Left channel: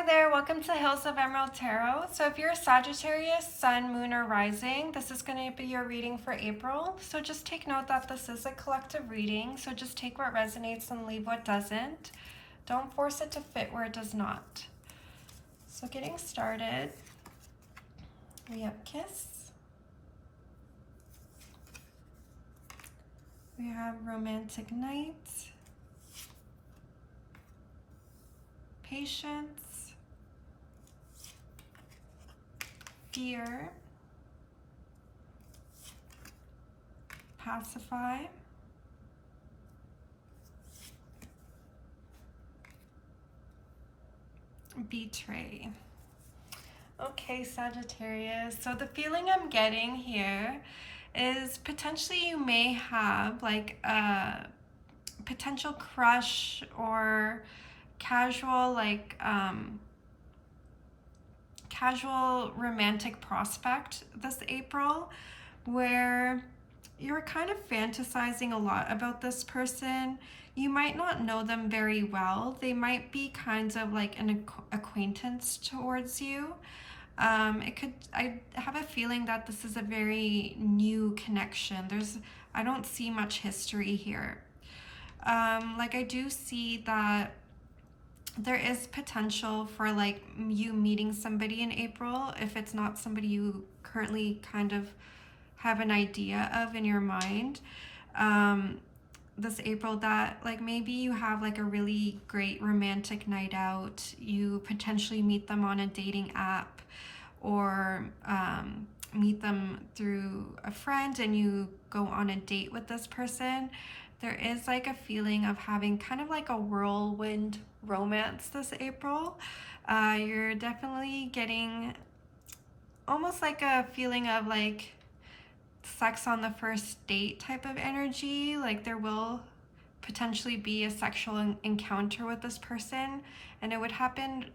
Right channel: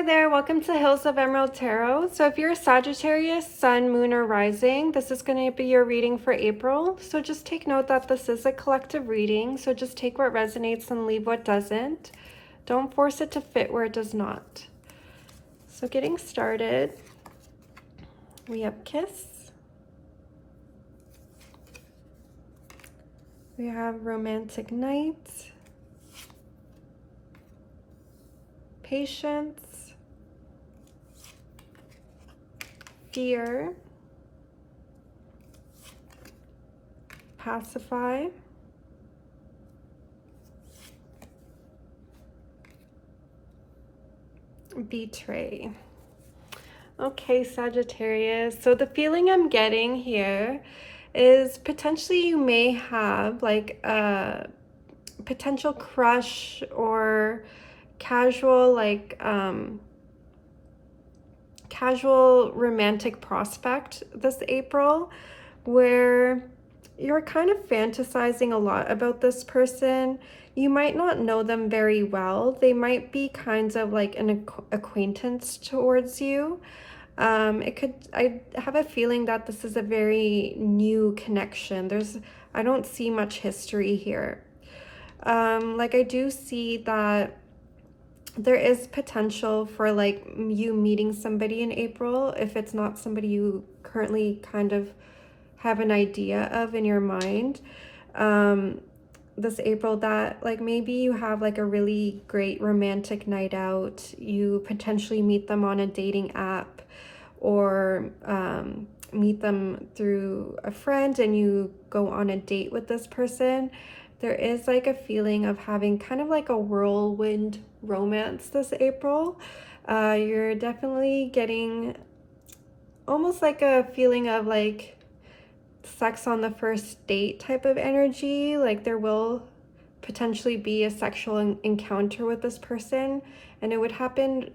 Hi there, welcome to Hills of Emerald Tarot. So if you're a Sagittarius, Sun, Moon, or Rising, this is going to be your reading for April. So just take note that this is a collective reading, so just take what resonates and leave what doesn't. Don't force it to fit where it does not. So getting started, we have Kiss. We have Romantic Night. Patience. Fear. Pacify. Betray. Okay, Sagittarius. So the feeling I'm getting here is potentially you may have like a potential crush or casual casual romantic prospect this April where you're kind of fantasizing a lot about this person. You might not know them very well. They might be kinds of like an acquaintance towards you. I have a feeling that this is a very new connection. I don't see much history here. I do see that there is potential for like you meeting somebody in April if it's not somebody you currently kind of have an idea of in your mind. This April that like maybe you have like a really great romantic night out. You potentially meet them on a dating app or meet them through a friend and you go on a date with this person. There is like a feeling of having kind of like a whirlwind romance this April. You're definitely getting almost like a feeling of like sex on the first date type of energy. Like there will potentially be a sexual encounter with this person, and it would happen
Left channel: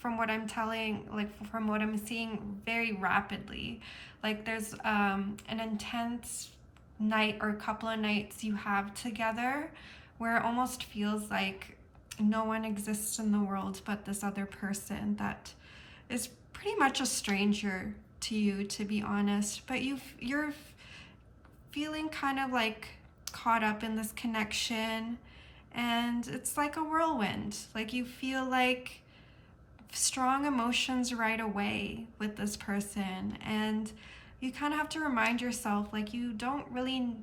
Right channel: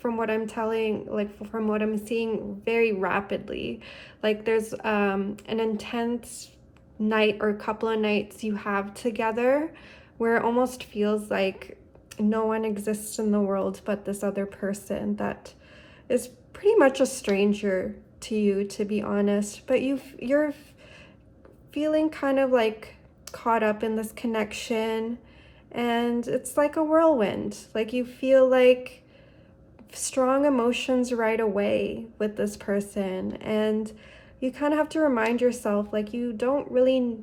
from what I'm from what I'm seeing very rapidly. Like there's an intense night or a couple of nights you have together where it almost feels like no one exists in the world but this other person that is pretty much a stranger to you, to be honest, but you're feeling kind of like caught up in this connection, and it's like a whirlwind. Like you feel like strong emotions right away with this person, and you kind of have to remind yourself like you don't really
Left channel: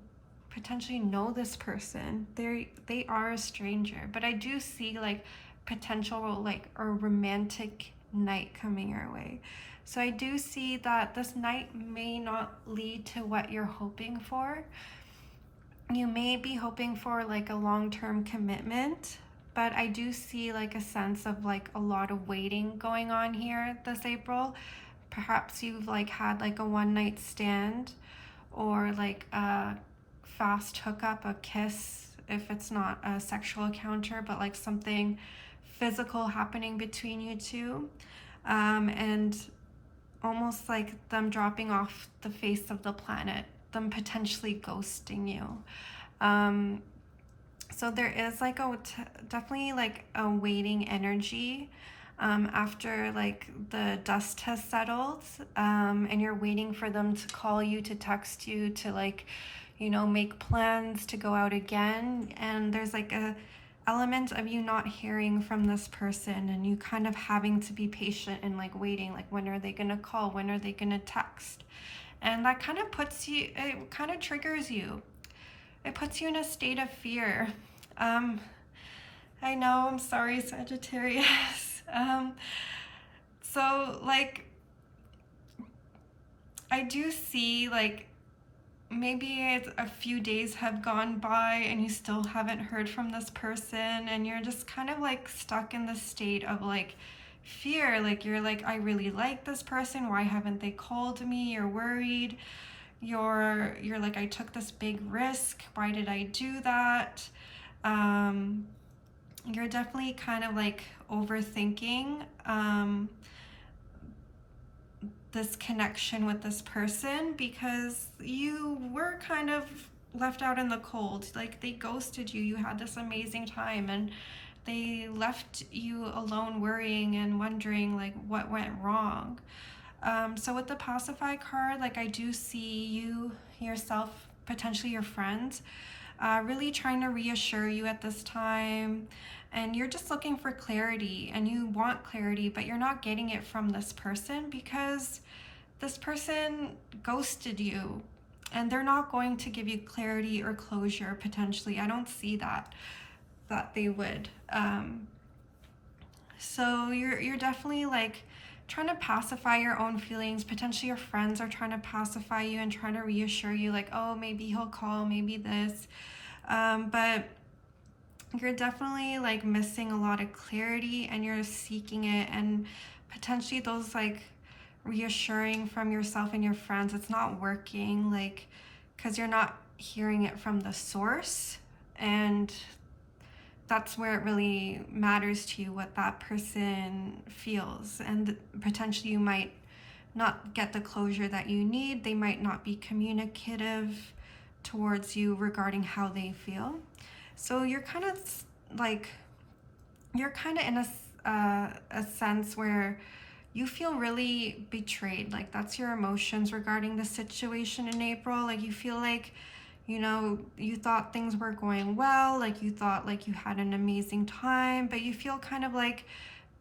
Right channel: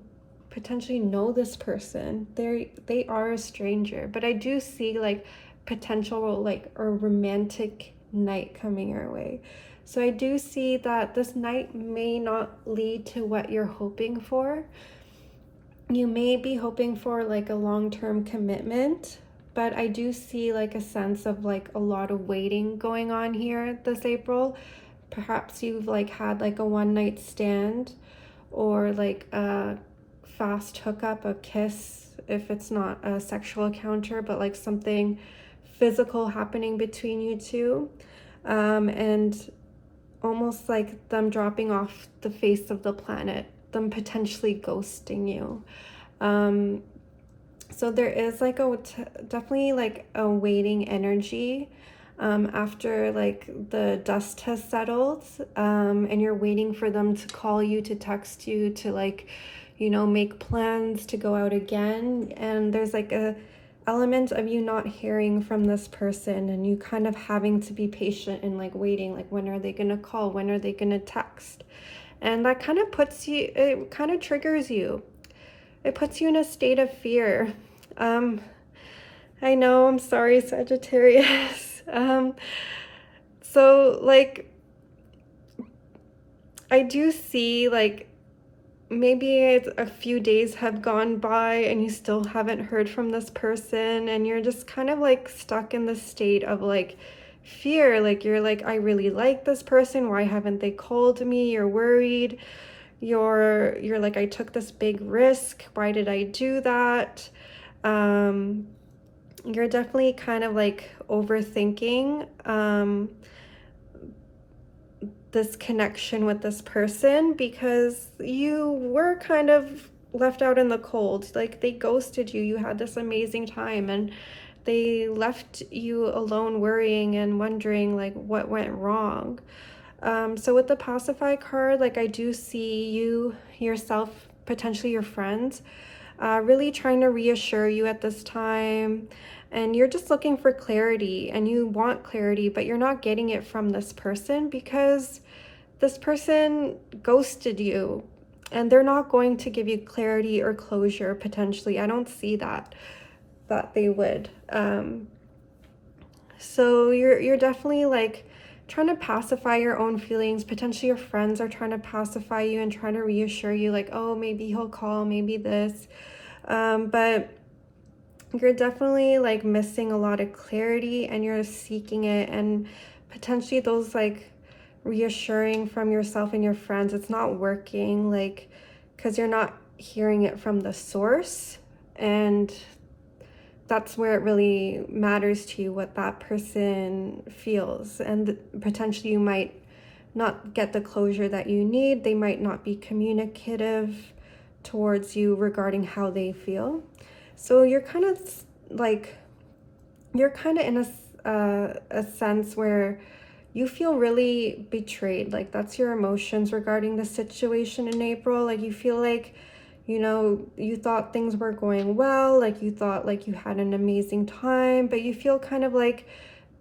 potentially know this person. They are a stranger, but I do see like potential like a romantic night coming your way. So I do see that this night may not lead to what you're hoping for. You may be hoping for like a long-term commitment, but I do see like a sense of like a lot of waiting going on here this April. Perhaps you've like had like a one night stand or like a fast hookup, a kiss, if it's not a sexual encounter, but like something physical happening between you two. And almost like them dropping off the face of the planet, them potentially ghosting you. So there is like definitely like a waiting energy after like the dust has settled, and you're waiting for them to call you, to text you, to like, make plans to go out again. And there's like a element of you not hearing from this person and you kind of having to be patient and like waiting, like when are they gonna call, when are they gonna text. And that kind of it kind of triggers you. It puts you in a state of fear. I know, I'm sorry, Sagittarius. So like I do see like maybe it's a few days have gone by and you still haven't heard from this person, and you're just kind of like stuck in the state of like fear. Like you're like, I really like this person, why haven't they called me? You're worried. You're like, I took this big risk, why did I do that? You're definitely kind of like overthinking this connection with this person because you were kind of left out in the cold. Like they ghosted you. You had this amazing time, and They left you alone worrying and wondering like what went wrong. So with the pacify card, like I do see you, yourself, potentially your friends, really trying to reassure you at this time. And you're just looking for clarity and you want clarity, but you're not getting it from this person because this person ghosted you and they're not going to give you clarity or closure potentially. I don't see that they would. So you're definitely like trying to pacify your own feelings. Potentially your friends are trying to pacify you and trying to reassure you like, oh, maybe he'll call, maybe this. But you're definitely like missing a lot of clarity and you're seeking it, and potentially those like reassuring from yourself and your friends, it's not working, like because you're not hearing it from the source. And that's where it really matters to you what that person feels, and potentially you might not get the closure that you need. They might not be communicative towards you regarding how they feel. So you're kind of like, you're kind of in a sense where you feel really betrayed. Like that's your emotions regarding the situation in April. Like you feel like, you know, you thought things were going well, like you thought like you had an amazing time, but you feel kind of like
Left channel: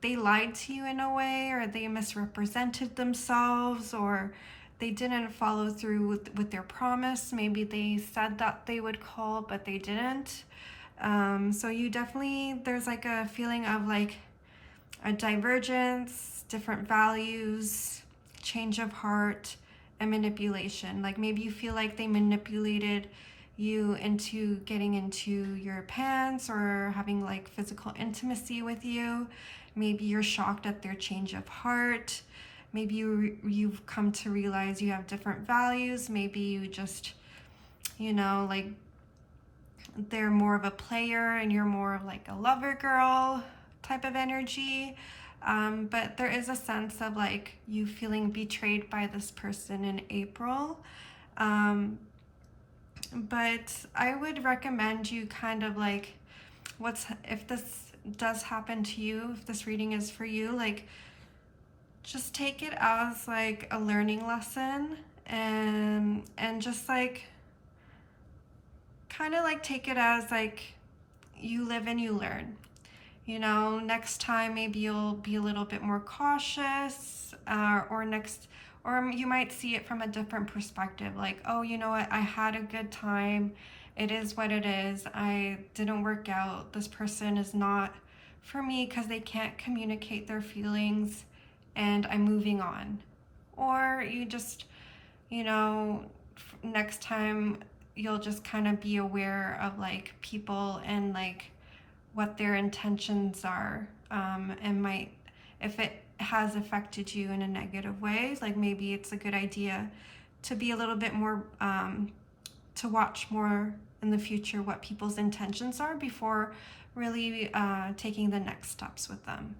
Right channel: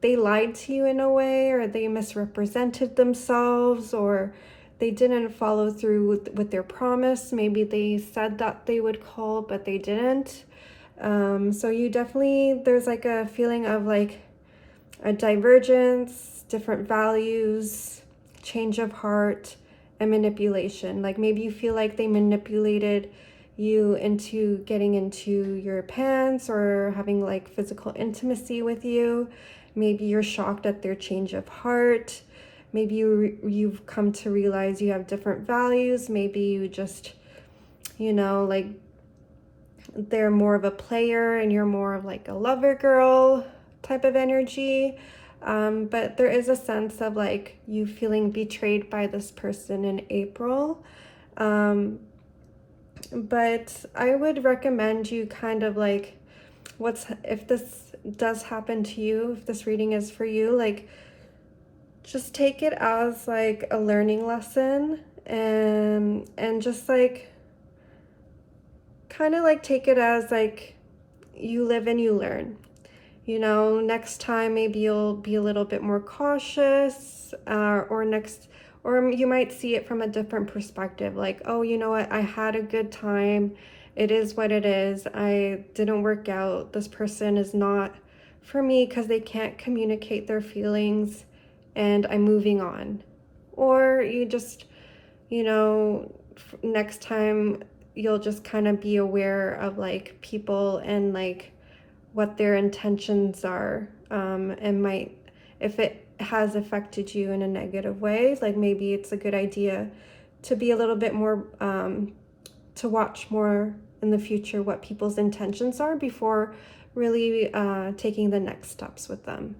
they lied to you in a way, or they misrepresented themselves, or they didn't follow through with their promise. Maybe they said that they would call, but they didn't. So you definitely, there's like a feeling of like a divergence, different values, change of heart, and manipulation. Like maybe you feel like they manipulated you into getting into your pants or having like physical intimacy with you. Maybe you're shocked at their change of heart. Maybe you've come to realize you have different values. Maybe you just, you know, like they're more of a player and you're more of like a lover girl type of energy. But there is a sense of like you feeling betrayed by this person in April. But I would recommend you kind of like, if this does happen to you, if this reading is for you, like just take it as like a learning lesson, and just like kind of like take it as like you live and you learn. You know, next time maybe you'll be a little bit more cautious, or you might see it from a different perspective. Like, oh, you know what? I had a good time. It is what it is. I didn't work out. This person is not for me because they can't communicate their feelings, and I'm moving on. Or you just, you know, next time you'll just kind of be aware of like people and like what their intentions are, and might, if it has affected you in a negative way, like maybe it's a good idea to be a little bit more, to watch more in the future what people's intentions are before really taking the next steps with them.